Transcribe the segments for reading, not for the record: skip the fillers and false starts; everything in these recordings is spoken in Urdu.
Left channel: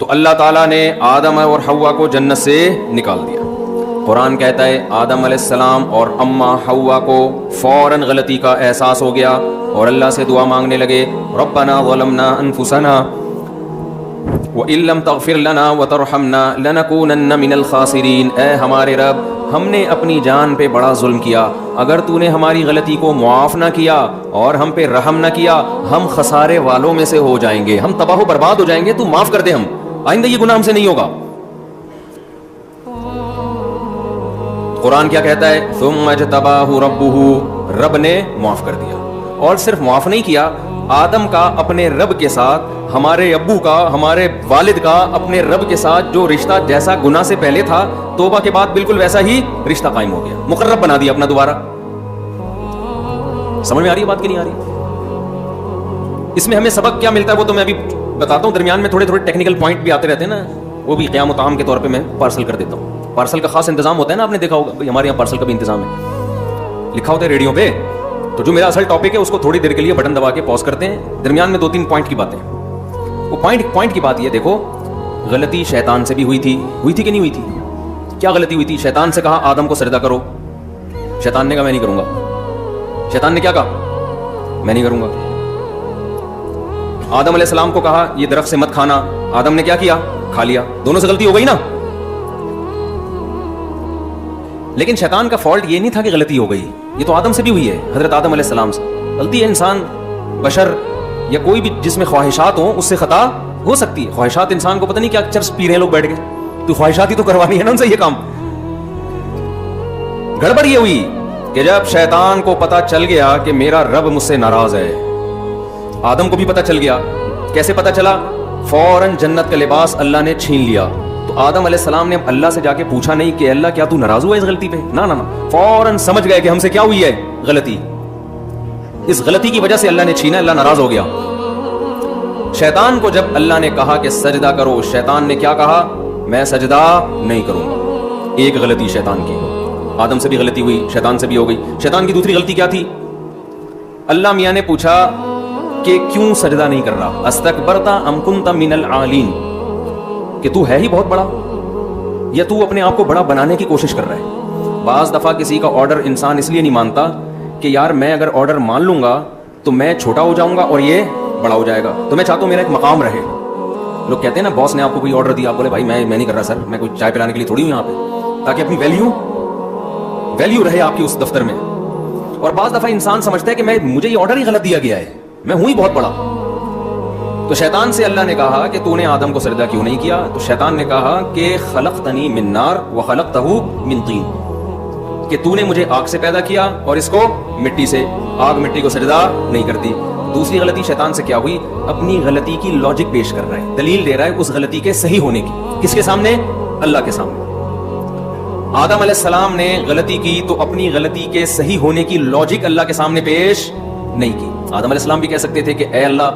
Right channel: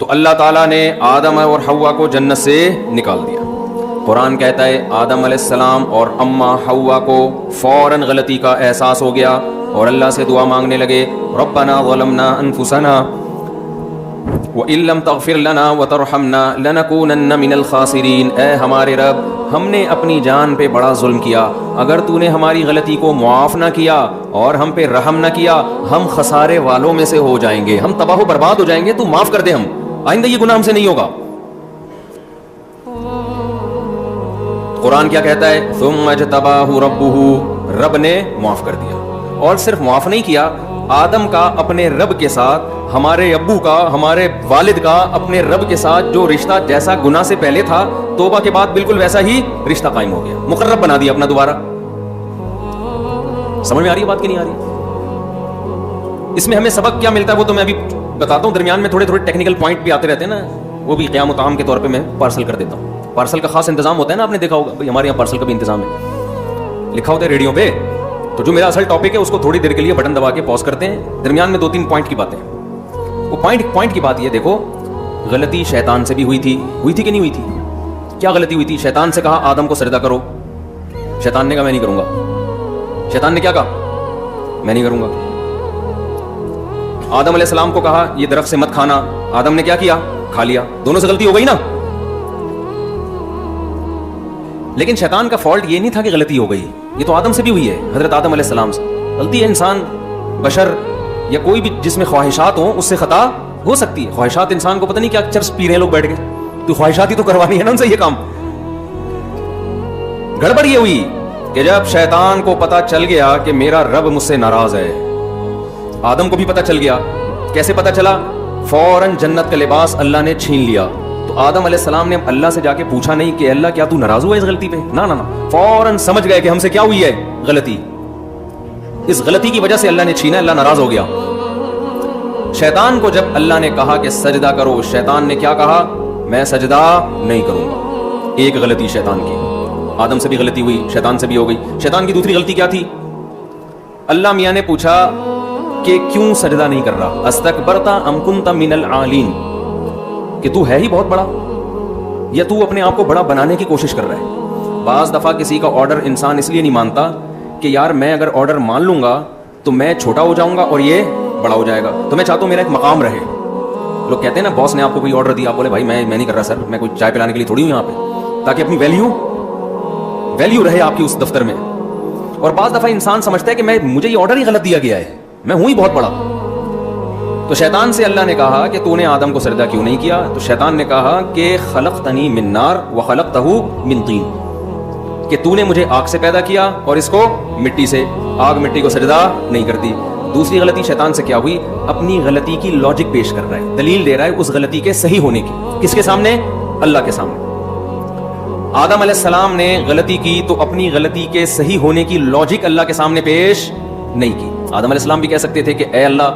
تو اللہ تعالیٰ نے آدم اور حوا کو جنت سے نکال دیا. قرآن کہتا ہے آدم علیہ السلام اور اماں حوا کو فوراً غلطی کا احساس ہو گیا اور اللہ سے دعا مانگنے لگے, ربنا ظلمنا انفسنا وَإِن لَّمْ تَغْفِرْ لَنَا وَتَرْحَمْنَا لَنَكُونَنَّ مِنَ الْخَاسِرِينَ. اے ہمارے رب, ہم نے اپنی جان پہ بڑا ظلم کیا, اگر تو نے ہماری غلطی کو معاف نہ کیا اور ہم پہ رحم نہ کیا ہم خسارے والوں میں سے ہو جائیں گے, ہم تباہ و برباد ہو جائیں گے. تو معاف کر دے, ہم آئندہ یہ گناہ ہم سے نہیں ہوگا. قرآن کیا کہتا ہے, ثم اجتباہ ربہ, رب نے معاف کر دیا. اور صرف معاف نہیں کیا, آدم کا اپنے رب کے ساتھ, ہمارے ابو کا, ہمارے والد کا اپنے رب کے ساتھ جو رشتہ جیسا گناہ سے پہلے تھا توبہ کے بعد بالکل ویسا ہی رشتہ قائم ہو گیا, مقرب بنا دیا اپنا دوبارہ. سمجھ میں آ رہی ہے بات کہ نہیں آ رہی؟ اس میں ہمیں سبق کیا ملتا ہے وہ تو میں ابھی بتاتا ہوں, درمیان میں تھوڑے ٹیکنیکل پوائنٹ بھی آتے رہتے ہیں نا, وہ بھی قیام و طعام کے طور پہ میں پارسل کر دیتا ہوں. پارسل کا خاص انتظام ہوتا ہے نا, آپ نے دیکھا ہوگا, ہمارے یہاں پارسل کا بھی انتظام ہے, لکھا ہوتا ہے ریڈیو پہ. تو جو میرا اصل ٹاپک ہے اس کو تھوڑی دیر کے لیے بٹن دبا کے پاز کرتے ہیں, درمیان میں 2-3 پوائنٹ کی باتیں. وہ پوائنٹ کی بات یہ دیکھو, غلطی شیطان سے بھی ہوئی تھی کہ نہیں ہوئی تھی؟ کیا غلطی ہوئی تھی؟ شیطان سے کہا آدم کو سجدہ کرو, شیطان نے کہا میں نہیں کروں گا. شیطان نے کیا کہا؟ میں نہیں کروں گا. آدم علیہ السلام کو کہا یہ درخت سے مت کھانا, آدم نے کیا کیا؟ کھا لیا. دونوں سے غلطی ہو گئی نا. لیکن شیطان کا فالٹ یہ نہیں تھا کہ غلطی ہو گئی, یہ تو آدم سے بھی ہوئی ہے, حضرت آدم علیہ السلام سے. غلطی ہے, انسان بشر یا کوئی بھی جس میں خواہشات ہوں اس سے خطا ہو سکتی ہے. خواہشات انسان کو پتہ نہیں کیا چرس پی رہے ہیں لوگ بیٹھ کے, تو خواہشات ہی تو کروانی ہے نا ان سے یہ کام. گڑبڑ یہ ہوئی کہ جب شیطان کو پتا چل گیا کہ میرا رب مجھ سے ناراض ہے, آدم کو بھی پتا چل گیا. کیسے پتا چلا؟ فوراً جنت کا لباس اللہ نے چھین لیا. تو آدم علیہ السلام نے اللہ سے جا کے پوچھا نہیں کہ اللہ کیا تو ناراض ہوا اس غلطی پہ؟ نہ, فوراً سمجھ گئے کہ ہم سے کیا ہوئی ہے غلطی, اس غلطی کی وجہ سے اللہ نے چھینا, اللہ ناراض ہو گیا. شیطان کو جب اللہ نے کہا کہ سجدہ کرو, شیطان نے کیا کہا؟ میں سجدہ نہیں کروں گا. ایک غلطی شیطان کی, آدم سے بھی غلطی ہوئی, شیطان سے بھی ہو گئی. شیطان کی دوسری غلطی کیا تھی؟ اللہ میاں نے پوچھا کہ کیوں سجدہ نہیں کر رہا؟ استکبرت ام کنت من العالین, کہ تو ہے ہی بڑا یا تو اپنے آپ کو بڑا بنانے کی کوشش کر رہا ہے. بعض دفعہ کسی کا آرڈر انسان اس لیے نہیں مانتا کہ یار میں اگر آرڈر مان لوں گا تو میں چھوٹا ہو جاؤں گا اور یہ بڑا ہو جائے گا, تو میں چاہتا ہوں میرا ایک مقام رہے. لوگ کہتے ہیں نا باس نے آپ کو کوئی آرڈر دیا, بولے بھائی میں نہیں کر رہا سر, میں کوئی چائے پلانے کے لیے تھوڑی ہوں یہاں پہ, تاکہ اپنی ویلیو رہے آپ کی اس دفتر میں. اور بعض دفعہ انسان سمجھتا ہے کہ مجھے یہ آرڈر ہی غلط دیا گیا ہے, میں ہوں ہی بہت بڑا. تو شیطان سے اللہ نے کہا کہ تو نے آدم کو سجدہ کیوں نہیں کیا؟ تو شیطان نے کہا کہ خلقتنی من نار وخلقتہ من طین, کہ تو نے مجھے آگ سے پیدا کیا اور اس کو مٹی سے, آگ مٹی کو سجدہ نہیں کرتی. دوسری غلطی شیطان سے کیا ہوئی؟ اپنی غلطی کی لاجک پیش کر رہا ہے, دلیل دے رہا ہے اس غلطی کے صحیح ہونے کی. کس کے سامنے؟ اللہ کے سامنے. آدم علیہ السلام نے غلطی کی تو اپنی غلطی کے صحیح ہونے کی لاجک اللہ کے سامنے پیش نہیں کی. آدم علیہ السلام بھی کہہ سکتے تھے کہ اے اللہ,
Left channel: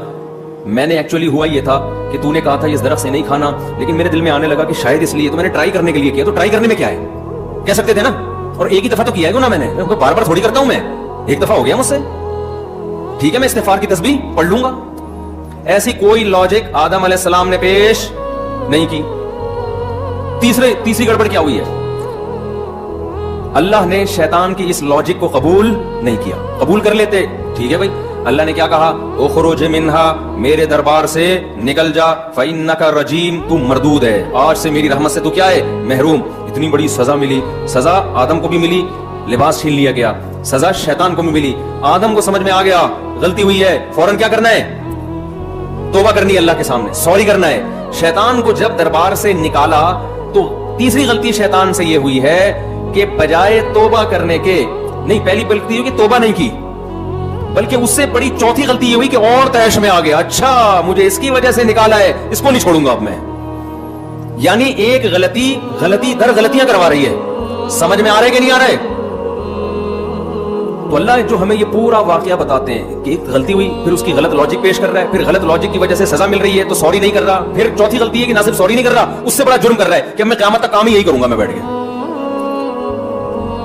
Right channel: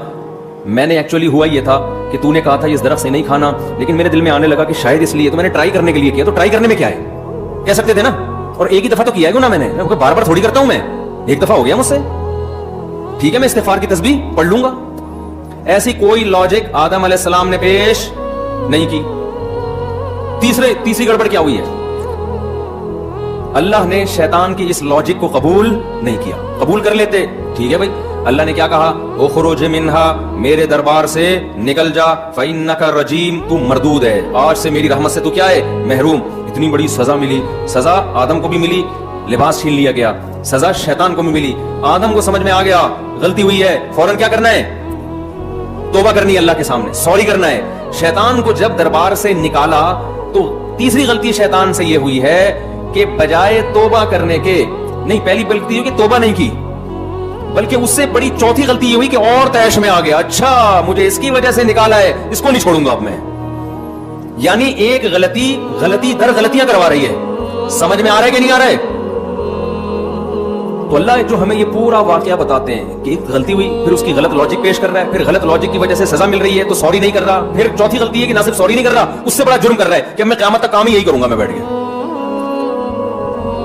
میں نے ایکچولی ہوا یہ تھا کہ تو نے کہا تھا اس درخت سے نہیں کھانا, لیکن میرے دل میں آنے لگا کہ شاید اس لیے, تو میں نے ٹرائی کرنے کے لیے کیا. تو ٹرائی کرنے میں کیا ہے؟ کہہ سکتے تھے نا. اور ایک ہی دفعہ تو کیا ہے گناہ, میں نے بار بار تھوڑی کرتا ہوں, میں ایک دفعہ ہو گیا مجھ سے, ٹھیک ہے میں استغفار کی تسبیح پڑھ لوں گا. ایسی کوئی لاجک آدم علیہ السلام نے پیش نہیں کی. تیسری گڑبڑ کیا ہوئی ہے؟ اللہ نے شیطان کی اس لاجک کو قبول نہیں کیا. قبول کر لیتے ٹھیک ہے بھائی, اللہ نے کیا کہا؟ اخرج منہا, میرے دربار سے نکل جا, فإنک رجیم, تو مردود ہے, آج سے میری رحمت سے تو کیا ہے؟ محروم. اتنی بڑی سزا ملی, سزا آدم کو بھی ملی, لباس چھین لیا گیا, سزا شیطان کو بھی ملی. آدم کو سمجھ میں آ گیا غلطی ہوئی ہے, فوراً کیا کرنا ہے؟ توبہ کرنی ہے اللہ کے سامنے, سوری کرنا ہے. شیطان کو جب دربار سے نکالا تو تیسری غلطی شیطان سے یہ ہوئی ہے کہ بجائے توبہ کرنے کے, نہیں پہلی غلطی یہ کہ توبہ نہیں کی, بلکہ اس سے بڑی چوتھی غلطی یہ ہوئی کہ اور تیش میں آ گیا, اچھا مجھے اس کی وجہ سے نکالا ہے, اس کو نہیں چھوڑوں گا اب میں. یعنی ایک غلطی در غلطیاں کروا رہی ہے. سمجھ میں آ رہے کہ نہیں آ رہے؟ تو اللہ نے ہمیں یہ پورا واقعہ بتاتے ہیں کہ ایک غلطی ہوئی, پھر اس کی غلط لاجک پیش کر رہا ہے, پھر غلط لاجک کی وجہ سے سزا مل رہی ہے تو سوری نہیں کر رہا, پھر چوتھی غلطی ہے کہ نہ صرف سوری نہیں کر رہا, اس سے بڑا جرم کر رہا ہے کہ میں قیامت تک کام ہی یہی کروں گا میں بیٹھ کے.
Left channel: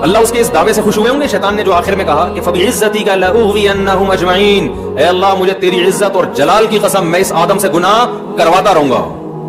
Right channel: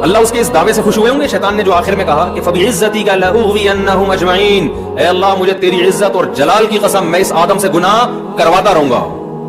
اللہ اس کے اس دعوے سے خوش ہوئے ہوں گے شیطان نے جو آخر میں کہا کہ فَبِعِزَّتِكَ لَأُغْوِيَنَّهُمْ أَجْمَعِينَ, اے اللہ مجھے تیری عزت اور جلال کی قسم میں اس آدم سے گناہ کرواتا رہوں گا.